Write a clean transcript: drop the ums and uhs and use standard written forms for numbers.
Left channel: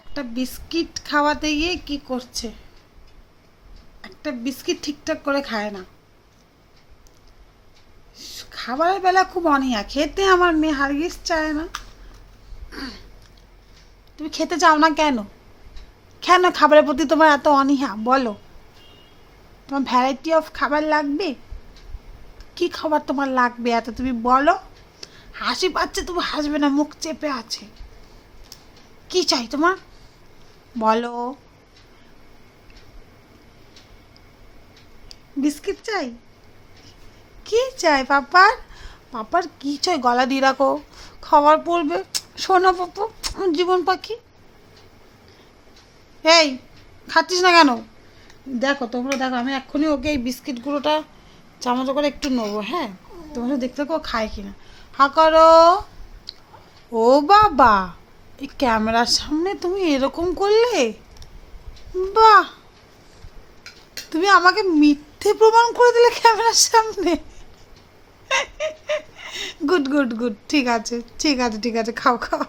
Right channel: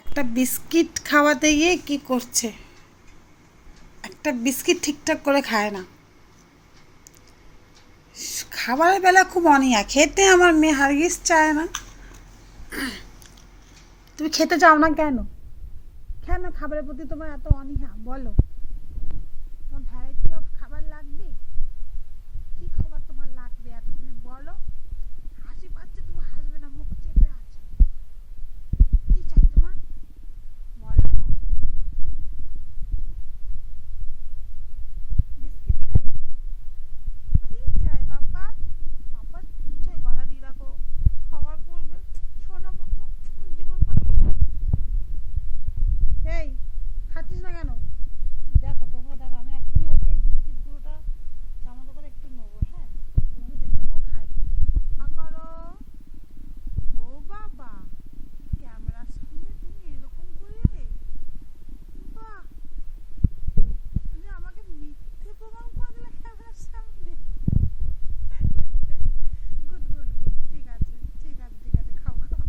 একটা বিস্কিট খাওয়াতে গিয়ে কি করছে, একটা বিস্কিট ঠিকঠাক করে খায় না। খাবারের বেলা খুব অনীহা, খেতে আমার মেয়ে হারগিজ চায় না। তুমি খেতে চাও না কেন? কেন খাবারের প্রতি তোমার এত অনীহা বলো? তোমার ভ্যারাইটি অফ খাবার লাগবে, কি খাবার তোমার লাগবে এত তুমি বলো। হাসি পাচ্ছে, তুমি হাসবে না, মুখ চেপে আছে। কি চাই তোমার বলো? বিস্কিট চাই? কি চাই পাপার? পাপার কি চাই গলা দিয়ে রাখো, খাবার পড়বে। শোনো পাপা, আমার জীবন পাখি। এই খাচ্ছিস না কেন? দেখো তোমরা দেখো, আমি এক্ষুনি ওকে এই বিস্কিটগুলোটা চামচ করে একটু নেবো। হ্যাঁ, তোমরা দেখতে থাকো ও খায় কিনা। হা করো। ও বাবা, এই ক্যামেরার সামনে তুমি এরকম করলে? বাহ, তুমি আমাকে মিথ্যে প্রমাণ করে দিলে ক্যামেরার সামনে। গুড গুড গুড, ঠিক আছে ঠিক আছে ঠিক আছে, খাও খাও।